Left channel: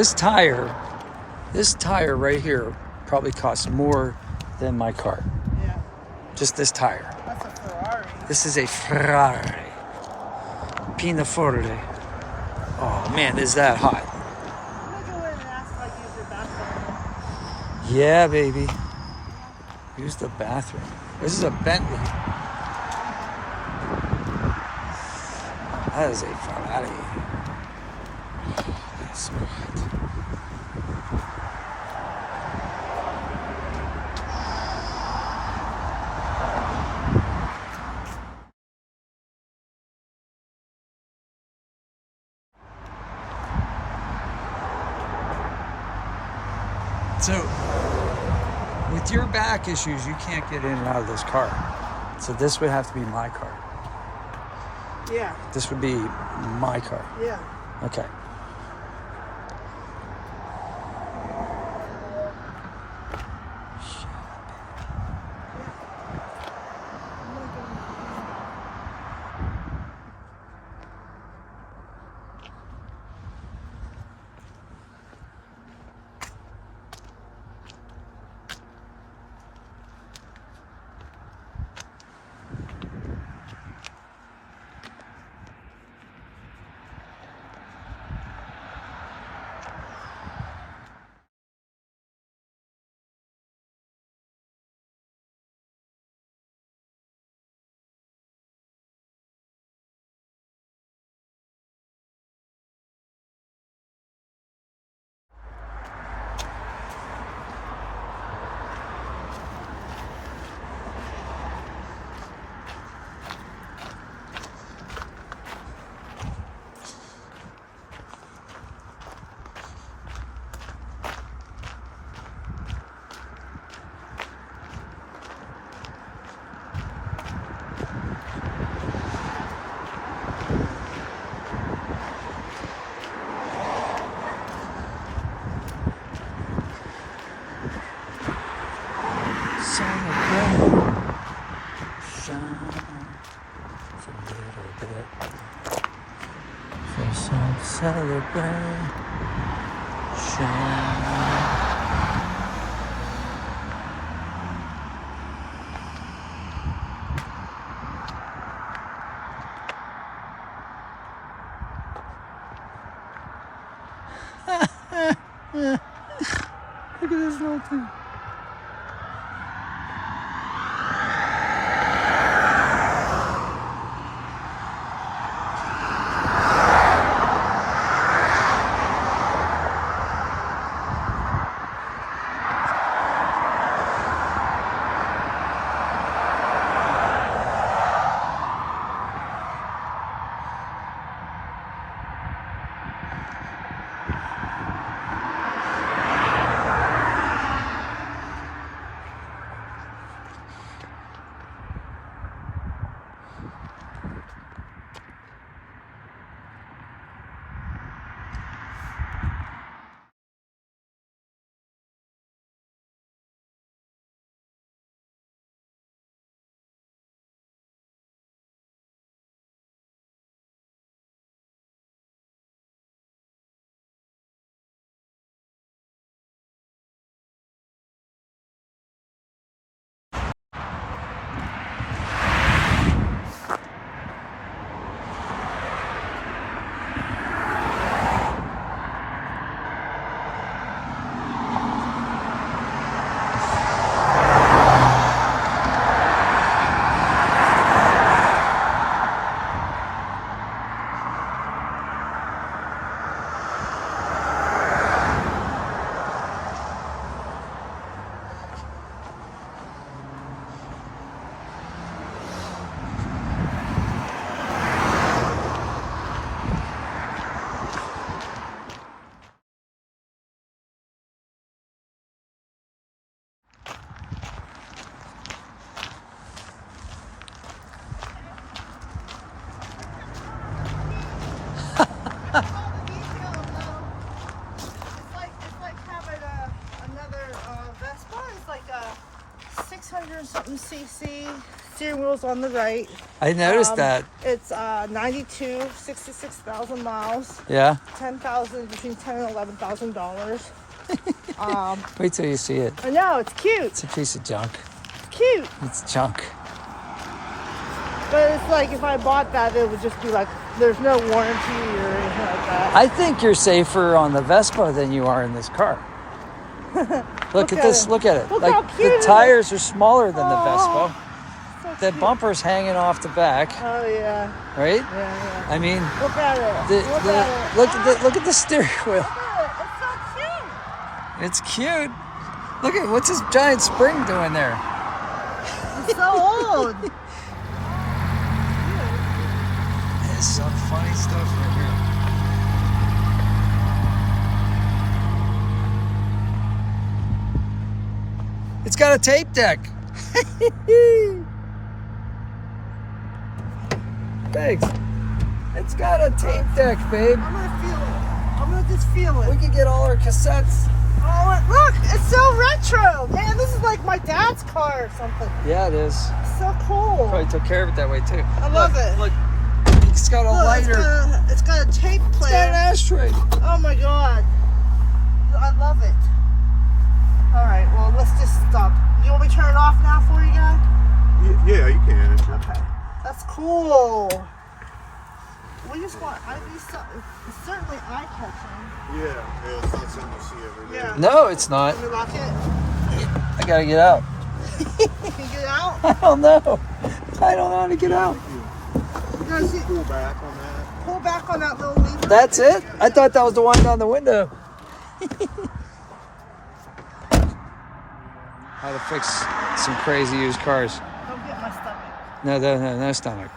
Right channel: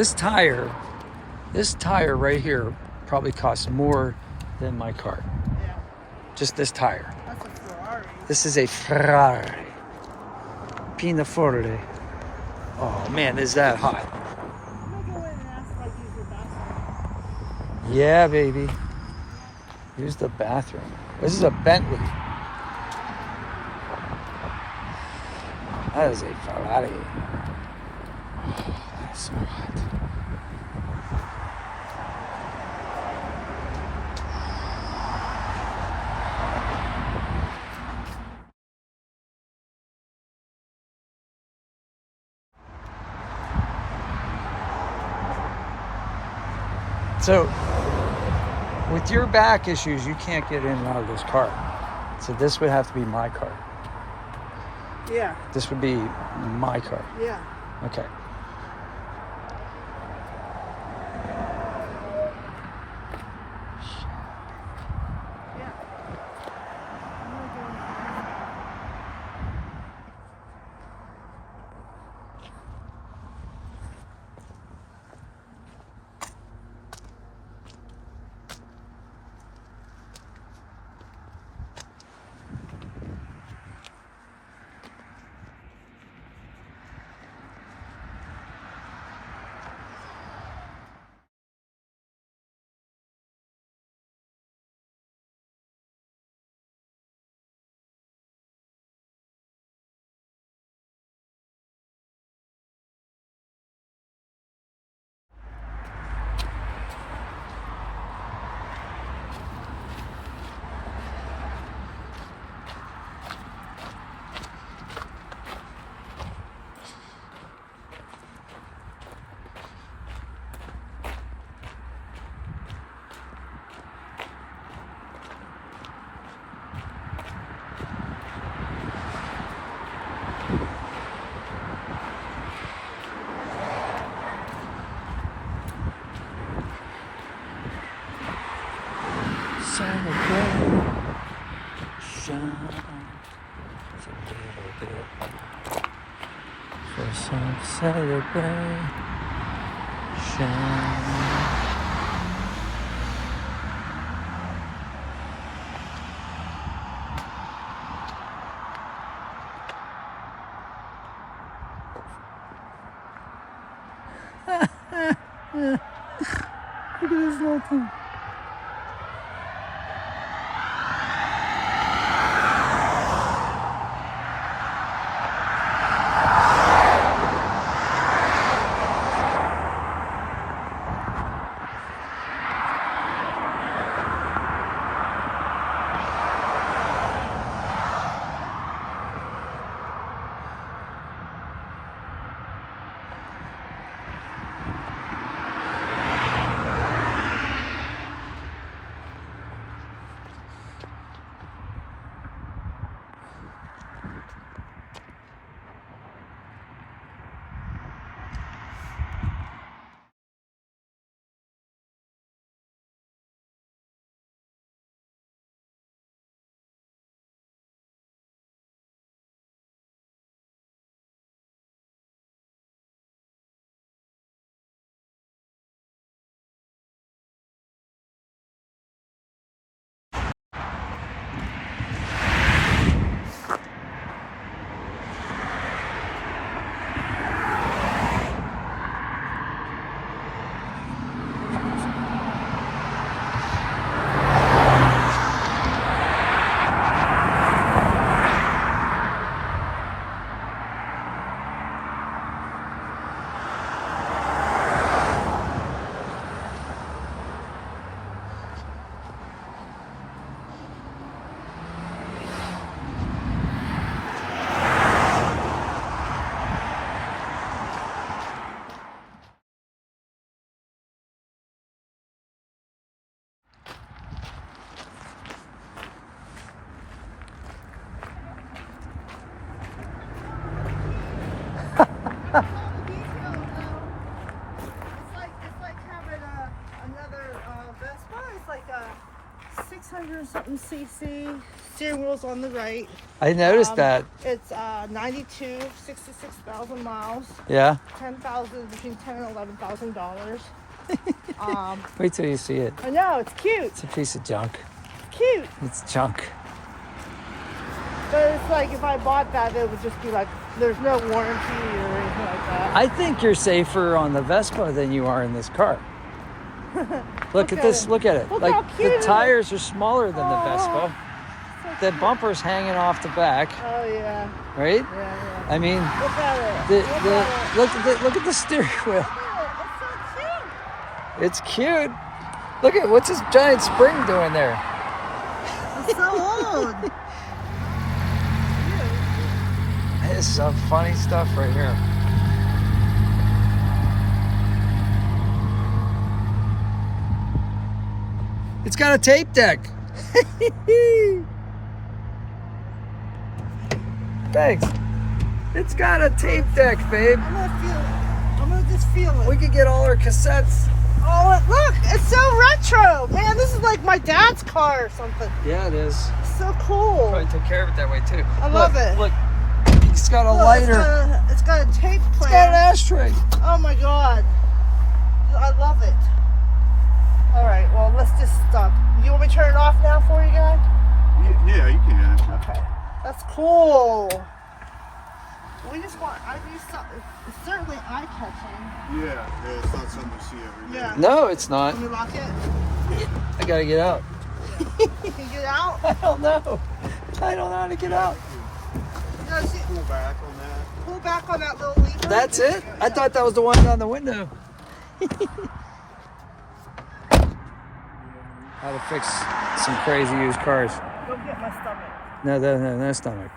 This tire right here probably costs more than my car. Yeah. Just this tire. That's a Ferrari. This is a Ferrari. Pianoforte. Oh man, is that hot? Yeah, baby. Use the bathroom. This is a Bentley. That is a Ferrari. That's so hot. So, with your back issues, you can't get in and out of this car. So this would have to be my car. Yeah. This would be my car. Yeah. Okay. I'm gonna go. Celebrate. Shine. It's a little bit. For some celebration. Look at this little thing. It's like having another Vespa. It's like a 600 something cc, steering wheel's on the right. I noticed that. It's 66,000 miles. Yeah. 10,000 between $10,000 and $11,000. Wait till you see it. I know it's cute. It's a piece of junk. It's cute. It's junk. But it's like if I bought that, it would just be like there's no warranty or anything like that. I think you're safer on the Vespa than you are in this car. Look at this. it. Look at it. Look Like how the cute it tires are smaller than the Oh. Vespa. The bumper's hanging off the back, Oh yeah. right? Yeah. I mean, Look at it. look at the steering wheel. It's It's cute. Look at what's this giant spring doing there? so cute. It's so old. There's some funny stuff right here. It's got a tape deck. Thanks. It's got a tape deck, babe. I'm gonna feel it. I'm gonna just feel it. We could get all our cassettes. Oh, look! It's so retro, man. This is like my dad's car or something. Yeah, it is. It's so cool. Probably took care of it that way too. I Look, love it. look. It's got a Look, lighter. It's got a tape It's player. got an ashtray. Oh my god. I love it. Alright, well, let's just stop. You want me to turn it off now for you guys? Yeah, you can. Okay. That's cool. We just want, it's certainly eye-catching. Yeah, it's not something you see every day. Yeah. No, it's not. Can you lock it? I gotta get out. Can you get out? I don't know. I don't know how to get out. You guys see- Pull back on that. pull back on that little lever. That's it? I thought that was the one down the window. How to fix some crazy used cars. Don't get my stomach. No stomach.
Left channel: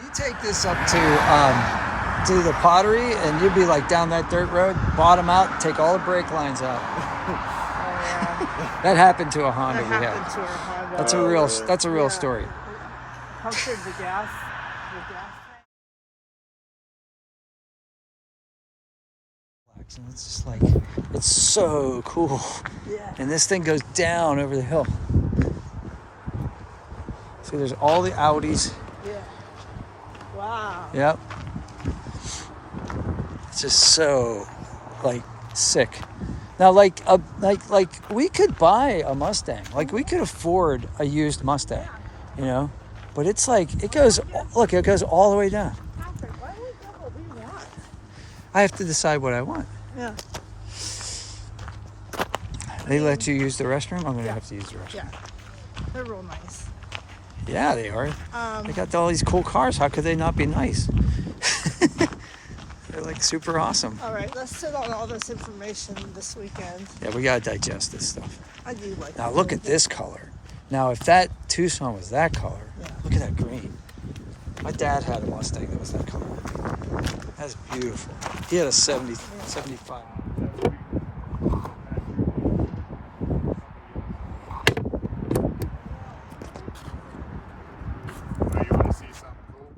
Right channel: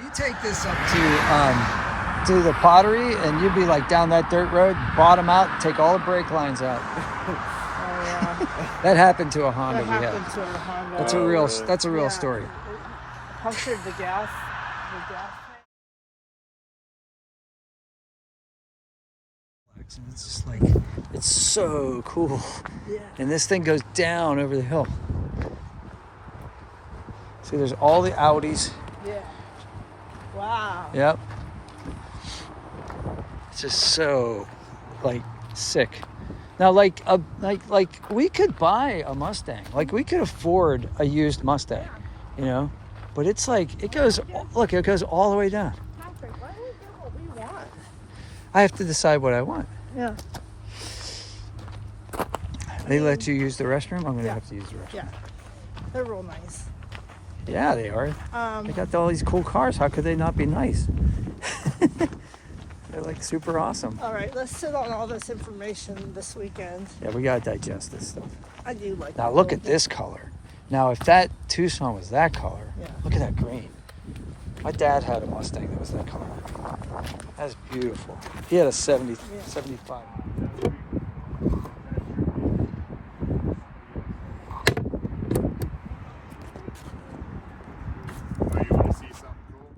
You take this up to the pottery, and you'd be like down that dirt road, bottom out, take all the brake lines out. That happened to a Honda we had. Happened to our Honda. That's a real story. Punctured the gas. And it's just like, it's so cool. Yeah. And this thing goes down over the hill. See, there's all the Audis. Yeah. Wow. Yep. It's just so, like, sick. Now, like we could buy a Mustang. Like, we could afford a used Mustang, you know? But it's like, it goes all the way down. I have to decide what I want. Yeah. They let you use the restroom? I'm going to have to use the restroom. Yeah. They're real nice. Yeah, they are. They got all these cool cars. How could they not be nice? They're like super awesome. All right, let's sit on all this information this weekend. Yeah, we got to digest this stuff. I do like Now look at this color. Now if that Tucson was that color, look at that green. My dad had a Mustang that was that color. That's beautiful. He had a 75. Now, you want to see something cool?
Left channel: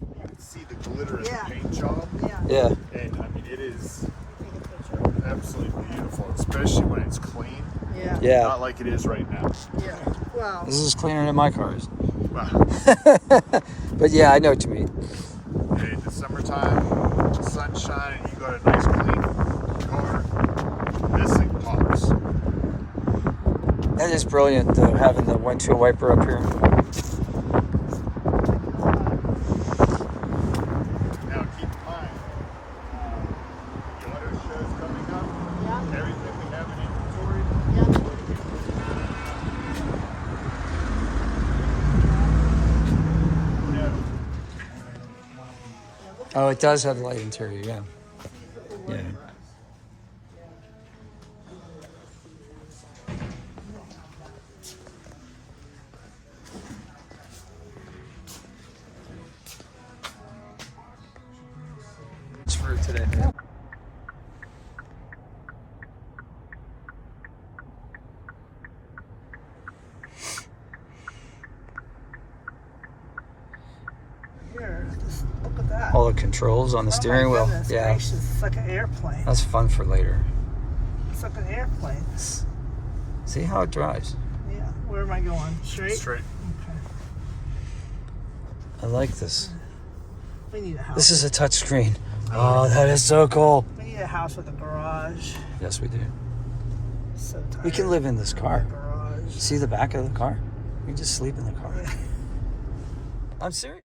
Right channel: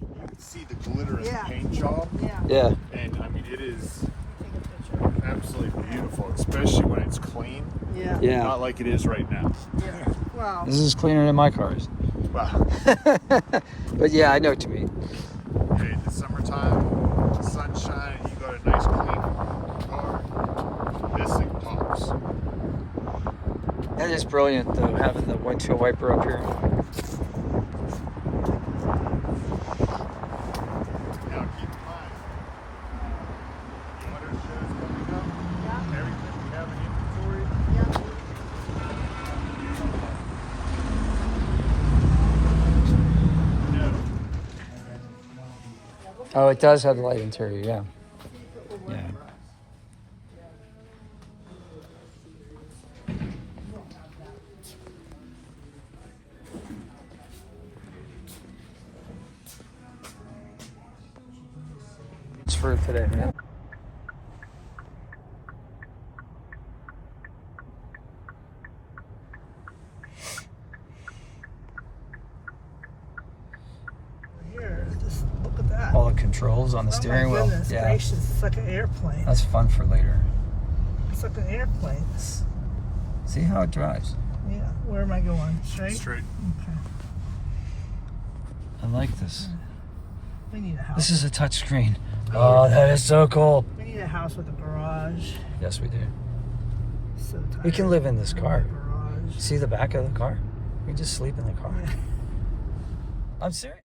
You can see the glitter in the Yeah. paint job. Yeah. And I mean, it is absolutely beautiful, especially when it's clean. Yeah. Yeah. Not like it is right now. Yeah. Wow. This is cleaner than my cars. Wow. But yeah, I know what you mean. Hey, in the summertime, the sun's shining, you got a nice clean car. This thing pops. That is brilliant, having the windshield wiper up here. Now keep in mind, the auto shows coming up, everything we have in inventory. Oh, it does have the light interior, yeah. Yeah. It's for today. the controls on the steering Oh my wheel. goodness Yeah, gracious, it's like an airplane. that's fun for later. It's like an airplane. See how it drives. Yeah. Where am I going? Straight? Straight. Okay. I like this. We need a house. This is a touch screen. Oh, that is so cool. We need a house with a garage. Yes, we do. So tired. We can live in this car. Garage. See the back of the car? We can just sleep in the car. I'm serious.